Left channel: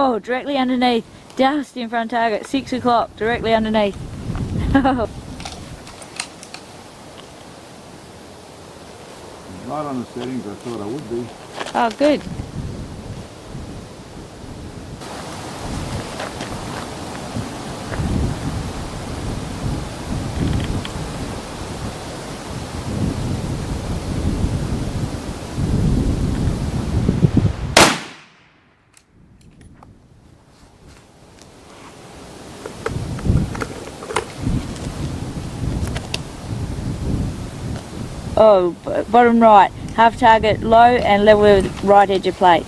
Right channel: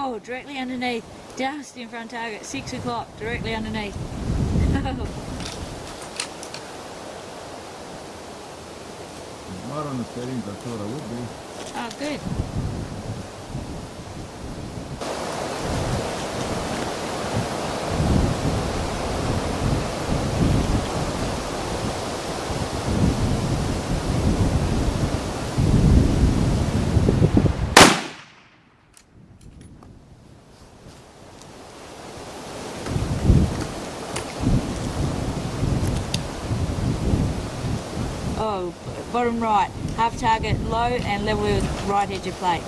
Oh, directly underneath. Just in front target. 6 o'clock, directly underneath. Right on the settings I thought I would be. Oh, good. Oh, bottom right, half target low and level with right edge of plate.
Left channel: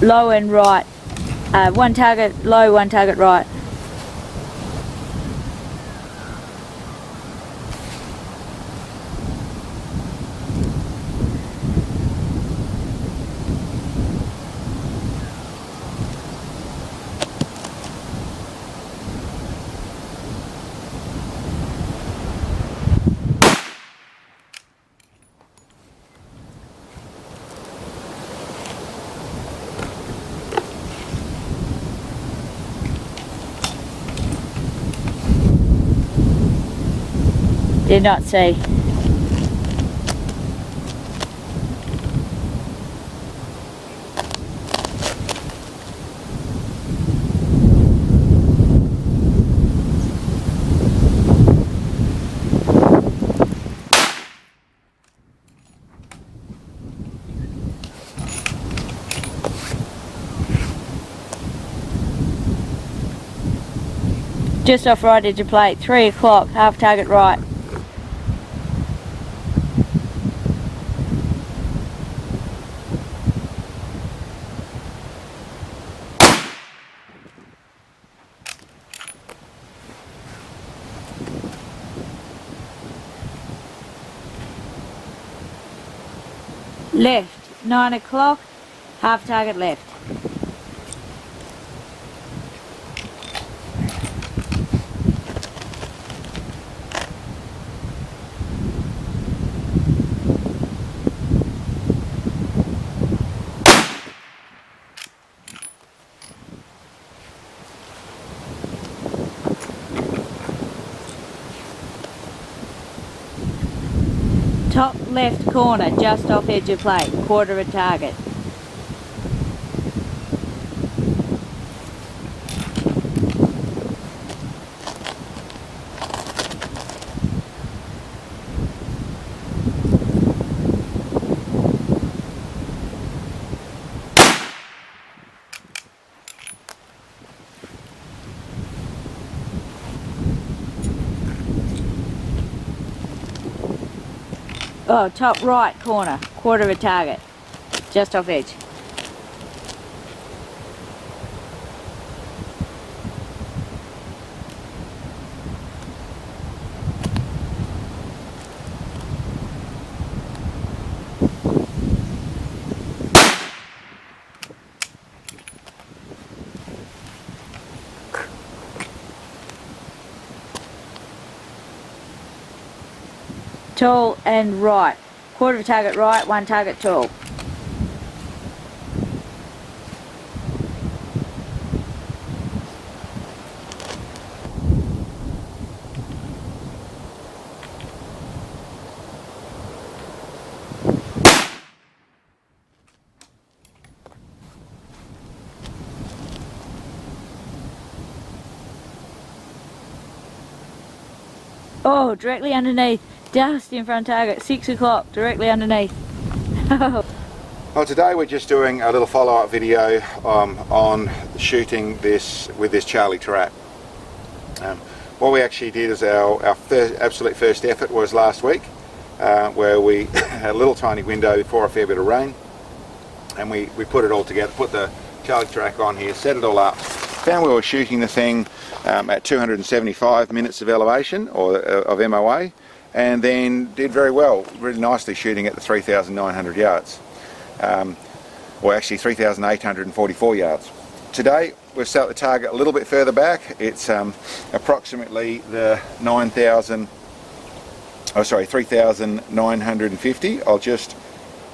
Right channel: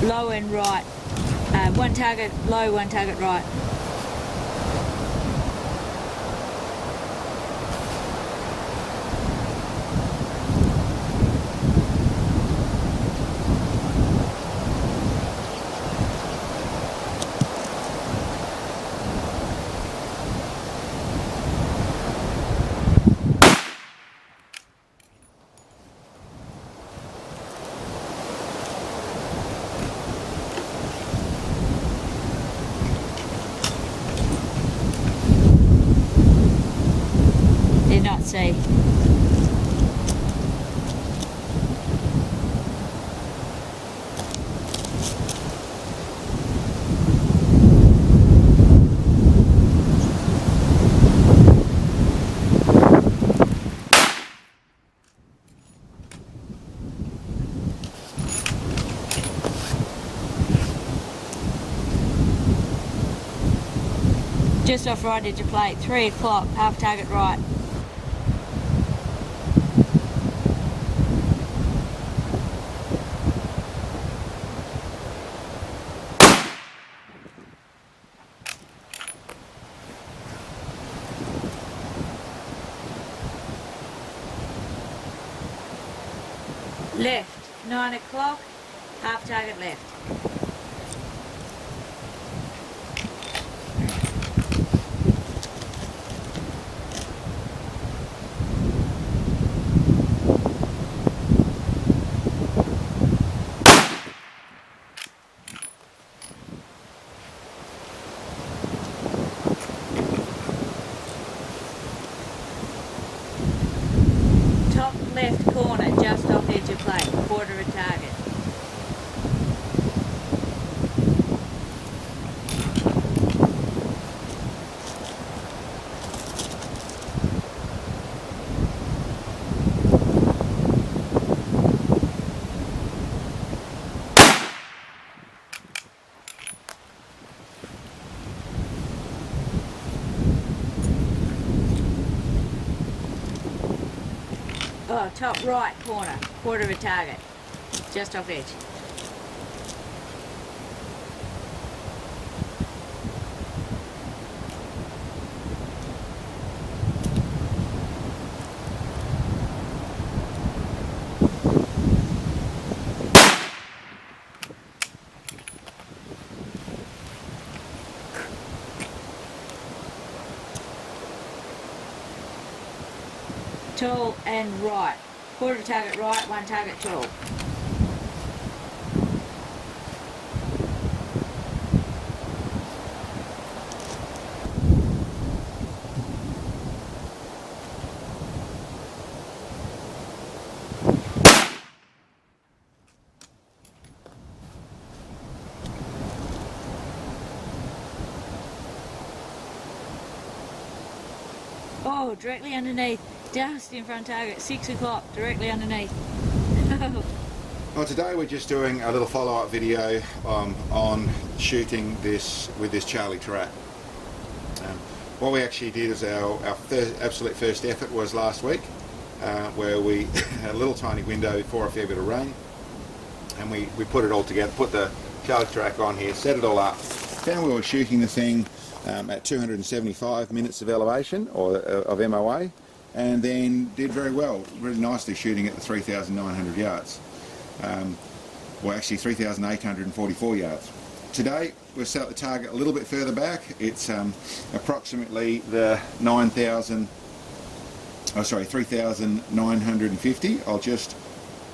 Low and right. One target low, one target right. Did not see. Just off right edge of plate, 3 o'clock, half target right. Left, 9 o'clock, half target left. Top left corner, just off edge of plate, quarter of a target. Oh, top right corner, quarter of a target, just off edge. Tall and right. Quarter of a target right, one target tall. Oh, directly underneath. Just in front target, 6 o'clock, directly underneath. Well, today we're just doing a little follow-up video on shooting this with this Charlie TARAC. What we actually did is our absolute first effort was last week, where we had a little tiny window before a fair bit of rain, and we put it all together, put the Charlie TARAC on here, set it all up, found we were shooting the thing at 275 minutes of elevation, or of MOA, and then did very well, really nicely shooting at the 3,900 yards. Or actually 3,844 yards. Today we've set the target a little bit further back. It's approximately the 3,950.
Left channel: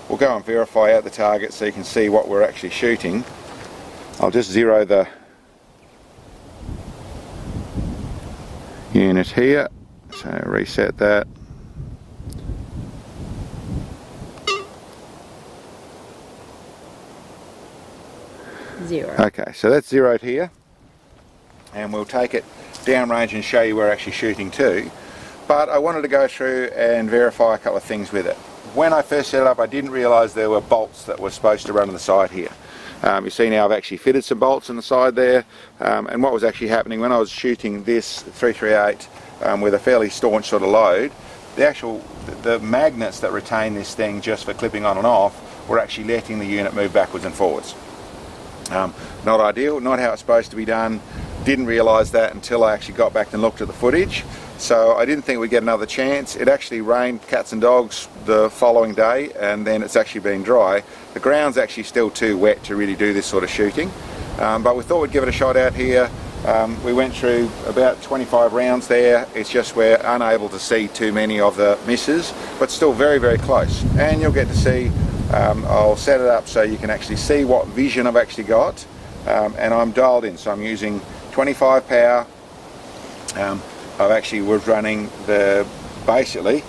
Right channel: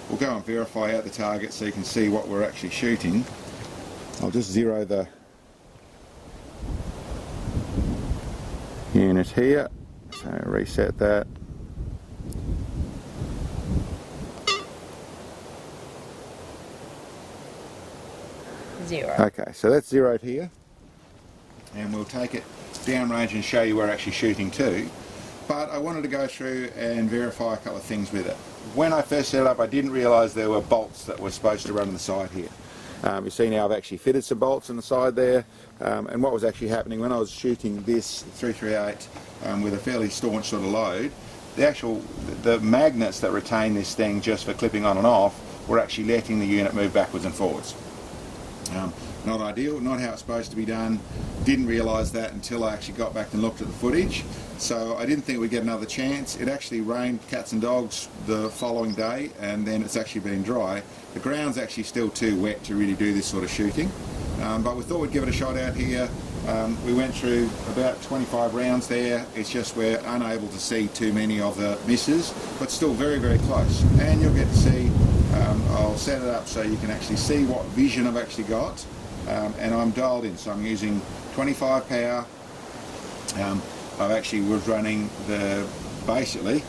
We'll go and verify out the target so you can see what we're actually shooting. I'll just zero the unit here, so reset that. Zero. Okay, so that's zeroed here, and we'll take it downrange and show you where we're actually shooting to. But I wanted to go through and verify a couple of things with it. When I first set it up, I didn't realise there were bolts that were supposed to run on the side here. You see now I've actually fitted some bolts on the side there, and what was actually happening when I was shooting this 338 with a fairly staunch sort of load, the magnets that retain this thing just for clipping on and off were actually letting the unit move backwards and forwards. Not ideal, not how it's supposed to be done. Didn't realise that until I actually got back and looked at the footage. So I didn't think we'd get another chance. It actually rained cats and dogs the following day, and then it's actually been dry. The ground's actually still too wet to really do this sort of shooting, but we thought we'd give it a shot out here. We went through about 25 rounds there. It's just we're unable to see too many of the misses, but still very, very close. And you'll get to see, I'll set it up so you can actually see what vision I've actually got, and I'm dialed in, so I'm using 25 power. I actually was running basically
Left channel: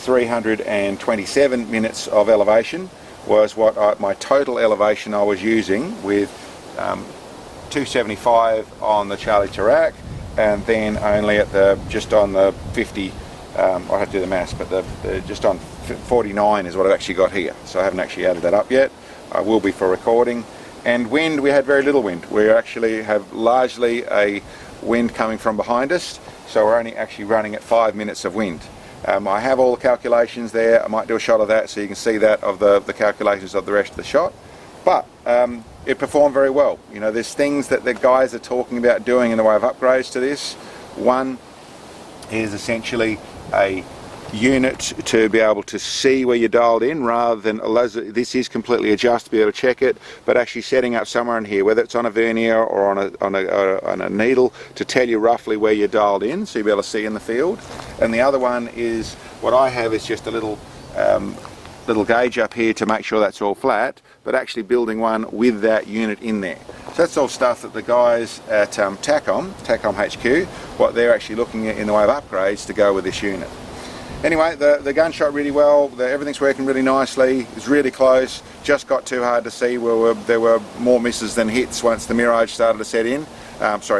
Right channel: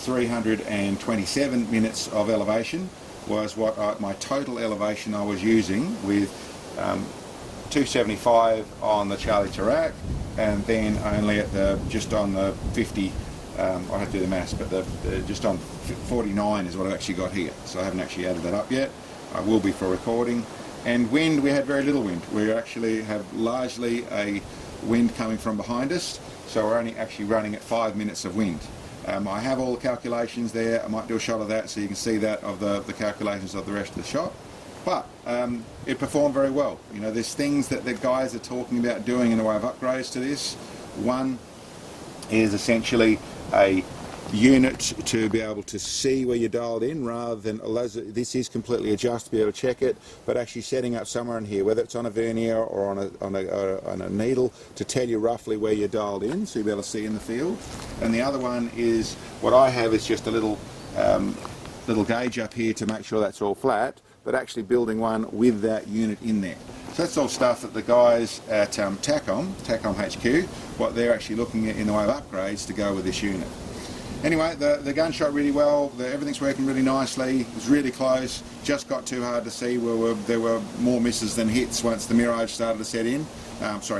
327 minutes of elevation was what my total elevation I was using, with 275 on the Charlie TARAC, and then only at just on the 50, I have to do the maths, but just on 49 is what I've actually got here. So I haven't actually added that up yet. I will be for recording. And wind, we had very little wind. We actually have largely a wind coming from behind us, so we're only actually running at 5 minutes of wind. I have all the calculations there. I might do a shot of that so you can see that of the calculations of the rest of the shot. But it performed very well. You know, there's things that the guys are talking about doing in the way of upgrades to this. One is essentially a unit to be able to see where you're dialed in, rather than this is completely adjust to be able to check it, but actually setting up somewhere in here, whether it's on a vernier or on a needle, to tell you roughly where you're dialed in, so you'll be able to see in the field. And the other one is, what I have is just a little gauge up here to make sure that's all flat, but actually building one with that unit in there. So that's all stuff that the guys at TACOM HQ, what they're actually looking at in the way of upgrades to go with this unit. Anyway, the gun shot really well. Everything's working really nicely. It's really close. Just got too hard to see. There were more misses than hits once the mirage started to set in.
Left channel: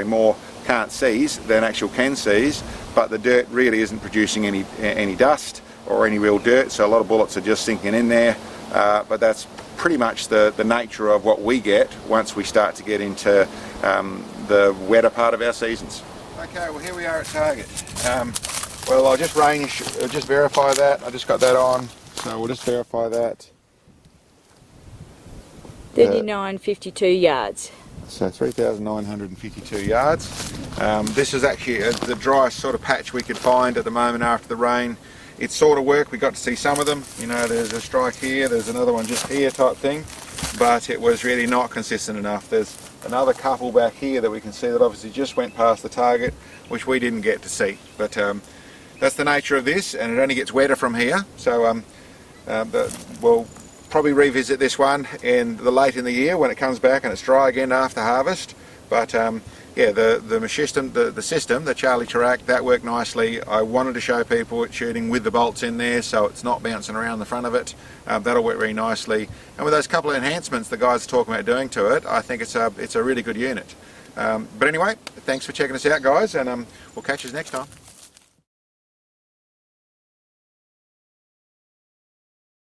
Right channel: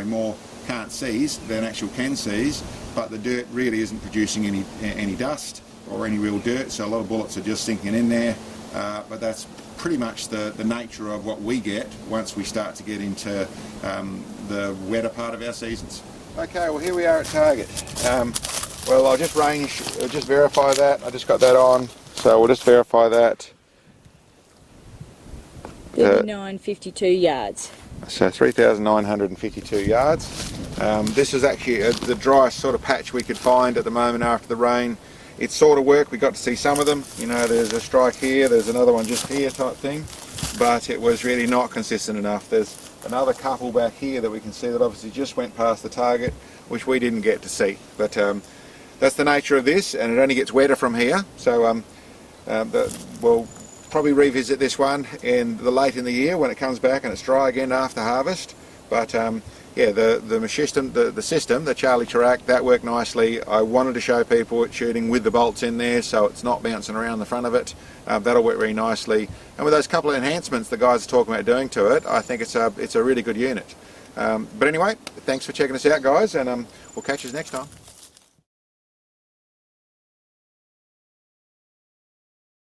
More can't sees than actual can sees. But the dirt really isn't producing any dust or any real dirt. So a lot of bullets are just sinking in there. But that's pretty much the nature of what we get once we start to get into the wetter part of our seasons. Okay, well here we are at target. Well, I'll just verify that. I just got that on, so we'll just verify that. 3952 yards. So 3,952 yards. This is actually the driest sort of patch we could find at the moment after the rain. It sort of worked. We got to see some of them. You know, there's a strike here, there's another one just here type thing, but it was really not consistent enough. There's another couple back here that we can see that obviously just went past the target, which we didn't get to see. But that's the nature of this, and it only gets wetter from here. So we'll probably revisit this one late in the year when it comes back and it's dry again after harvest. But yeah, the system, the Charlie TARAC, that worked nicely. I wanted to show people it shooting with the bolts in there, so it's not bouncing around the front of it. That'll work really nicely. And with those couple of enhancements the guys are talking about doing to it, I think it's a really good unit. But anyway, thanks for checking us out, guys, and we'll catch you next time.